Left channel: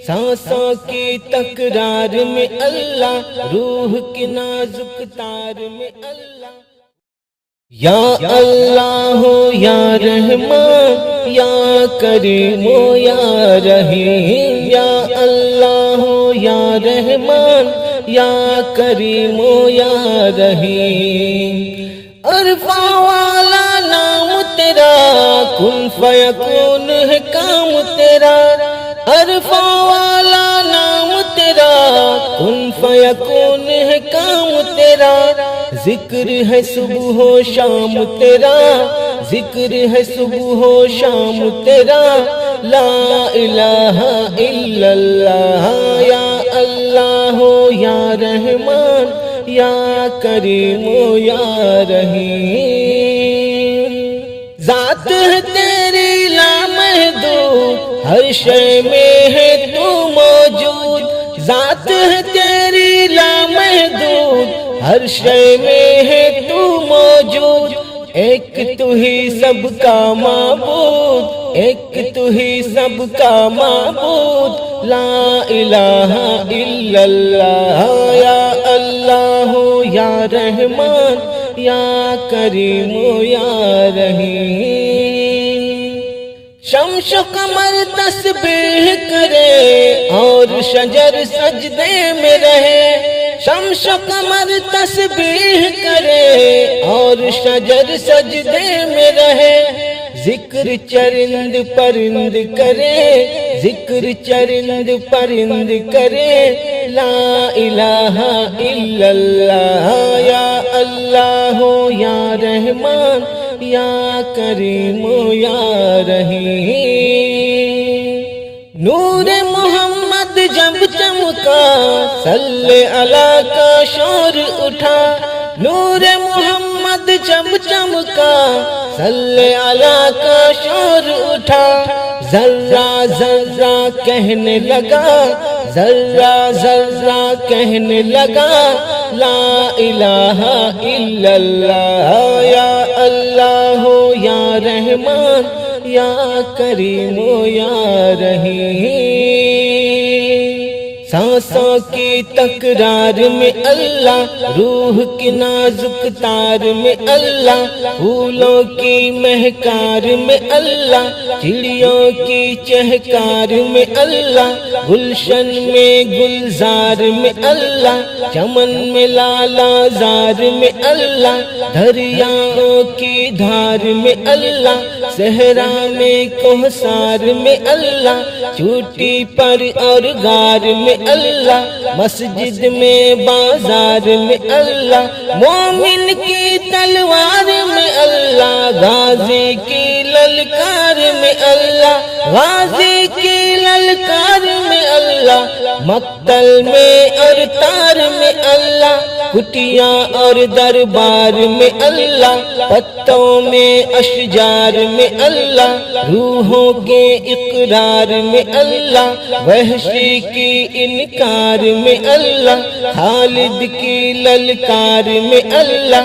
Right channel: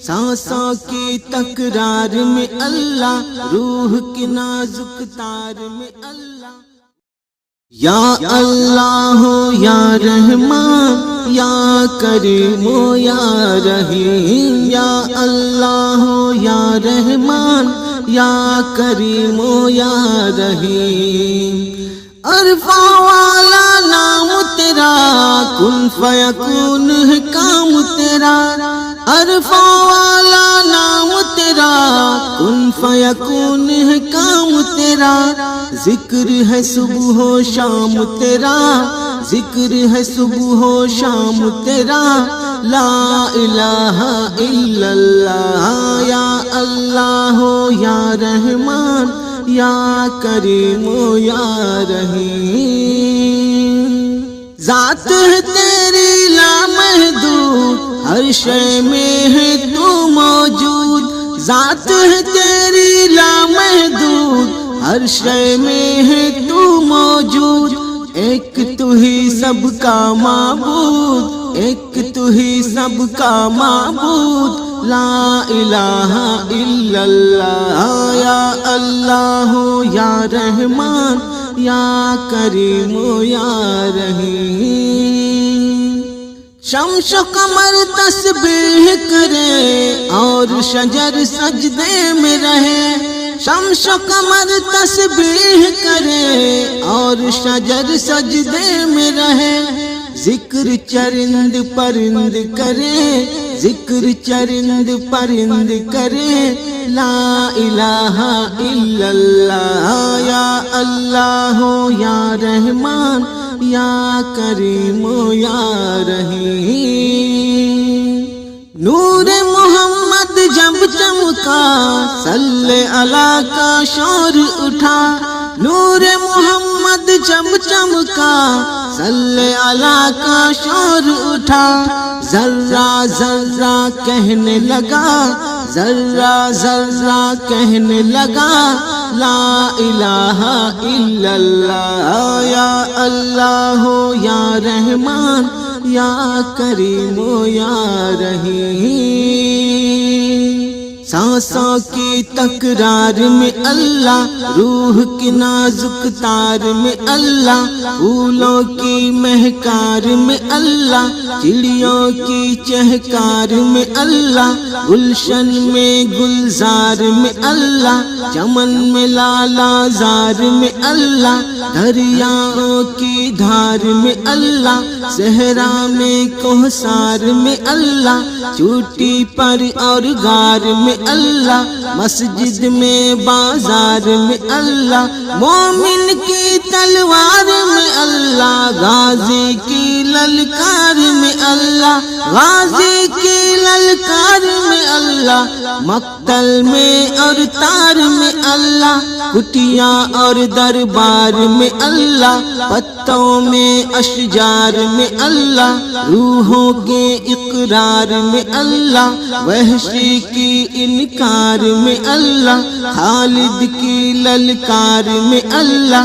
सांसों की तकरार में अल्लाह, रूह की नाजुक तार में अल्लाह। या अल्लाह या रहमान या करीम या रहीम, या अल्लाह या रहमान या करीम या रहीम। अरफा वाला नाम तेरा, कुन फयकून है काम तेरा। अरफा वाला नाम तेरा, कुन फयकून है काम तेरा। जिक्र है सुबह हो शाम तेरा, जिक्र है सुबह हो शाम तेरा। ला इलाहा इल्लल्लाह, या अल्लाह या रहमान या करीम या रहीम। ज़ात है तेरी लामहदूद, हर शय में है तू मौजूद। ज़ात है तेरी लामहदूद, हर शय में है तू मौजूद। एक तू ही सबका माबूद, एक तू ही सबका माबूद। ला इलाहा इल्लल्लाह, या अल्लाह या रहमान या करीम या रहीम। शम्स कमर तस्बीह करे और शजर सजदे में रहे। शम्स कमर तस्बीह करे और शजर सजदे में रहे। जिक्र चरिंद परिंद करे, जिक्र चरिंद परिंद करे। ला इलाहा इल्लल्लाह, या अल्लाह या रहमान या करीम या रहीम। नूर मोहम्मद जब चमका, सल्ले अला का शोर उठा। नूर मोहम्मद जब चमका, सल्ले अला का शोर उठा। जर्रा जर्रा कहने लगा, जर्रा जर्रा कहने लगा। ला इलाहा इल्लल्लाह, या अल्लाह या रहमान या करीम या रहीम। सांसों की तकरार में अल्लाह, रूह की नाजुक तार में अल्लाह। फूलों की महकार में अल्लाह, चिड़ियों की चहकार में अल्लाह। गुलशन में गुलजार में अल्लाह, चमन में लालाजार में अल्लाह। दरियाओं की धार में अल्लाह, सहरा में कोहसार में अल्लाह। चोटी पर और गार में अल्लाह, मस्जिद में बाजार में अल्लाह। मोमिन की तलवार में अल्लाह, गाजी की ललकार में अल्लाह, गाजी की ललकार में अल्लाह। मक्तल में और तार में अल्लाह, कुटिया और दरबार में अल्लाह। पत्तों में अशजार में अल्लाह, रूहों के इकरार में अल्लाह। वहशी की इनकार में अल्लाह, खालिद की ललकार में अल्लाह।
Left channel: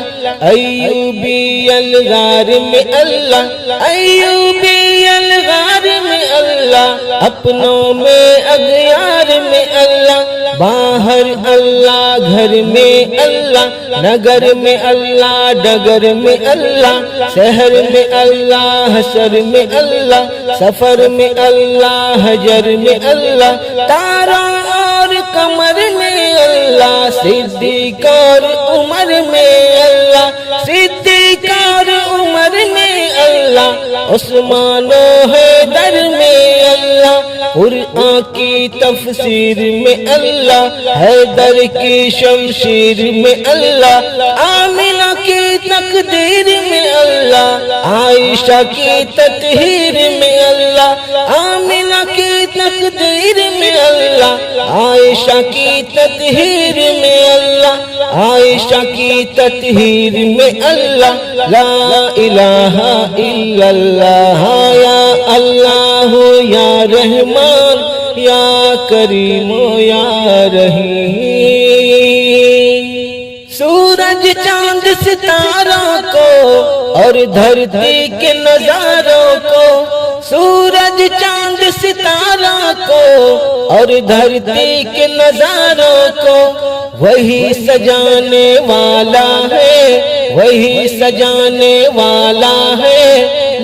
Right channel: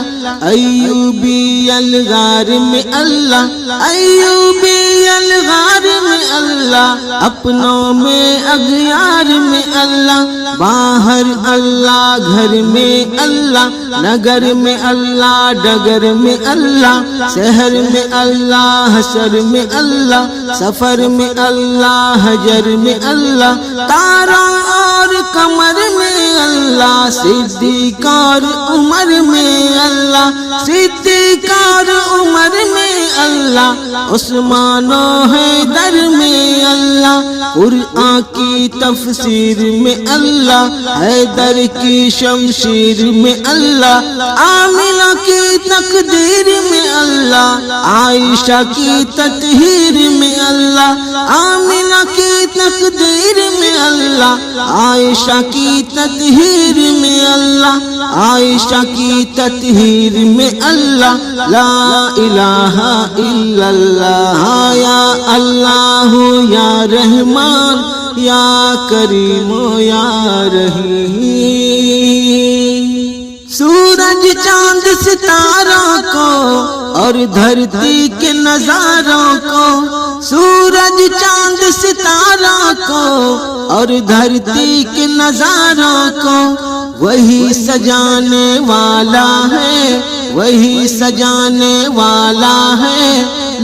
अय्यूबी अलगार में अल्लाह, अय्यूबी अलगार में अल्लाह। अपनों में अगयार में अल्लाह, बाहर अल्लाह घर में अल्लाह। नगर में अल्लाह डगर में अल्लाह, शहर में अल्लाह हशर में अल्लाह। सफर में अल्लाह हजर में अल्लाह, तारा और कमर में अल्लाह। सिद्दीक और उमर में अल्लाह, सिद्दीक और उमर में अल्लाह। उस्मान और हैदर में अल्लाह, कुरआन की तफसीर में अल्लाह। हैदर की शमशीर में अल्लाह, आमिना की तकदीर में अल्लाह। आयशा की ततहीर में अल्लाह, आमिना की तकदीर में अल्लाह। आयशा की ततहीर में अल्लाह, आयशा की ततहीर में अल्लाह। ला इलाहा इल्लल्लाह, या अल्लाह या रहमान या करीम या रहीम। सूरज चांद सितारों को और धरती के नजारों को, सूरज चांद सितारों को और धरती के नजारों को वही सजाने वाला है, वही सजाने वाला है।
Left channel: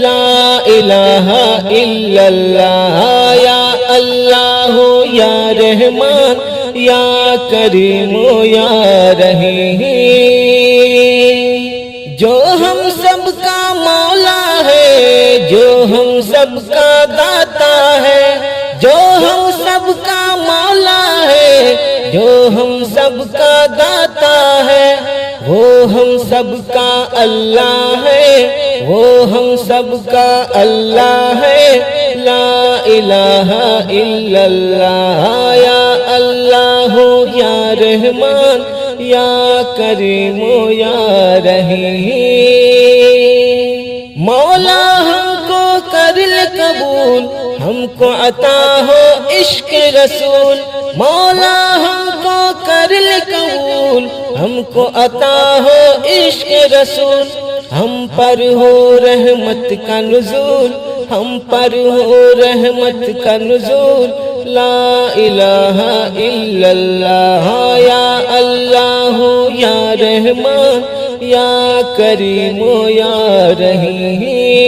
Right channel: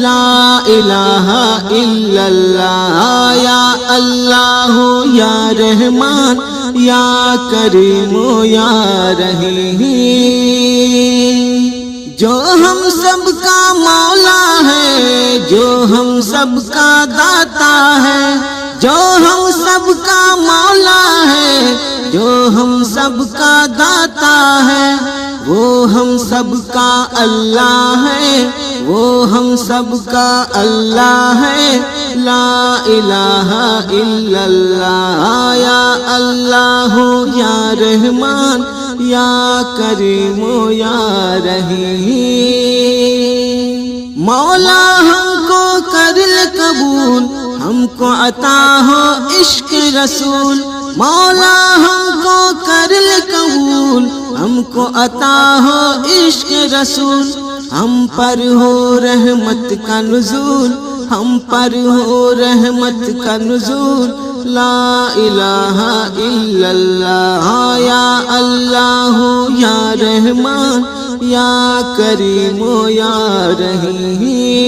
ला इलाहा इल्लल्लाह या अल्लाह या रहमान या करीम या रहीम। जो हम सबका मौला है, जो हम सबका दाता है, जो हम सबका मौला है, जो हम सबका दाता है, वो हम सबका अल्लाह है, वो हम सबका अल्लाह है। ला इलाहा इल्लल्लाह या अल्लाह या रहमान या करीम या रहीम। मौला हमको कर ले कबूल, हमको अता हो इश्क रसूल। मौला हमको कर ले कबूल, हमको अता हो इश्क रसूल। हम पर हो रहमत का नुज़ूल, हम पर हो रहमत का नुज़ूल। ला इलाहा इल्लल्लाह या अल्लाह या रहमान या करीम या रहीम।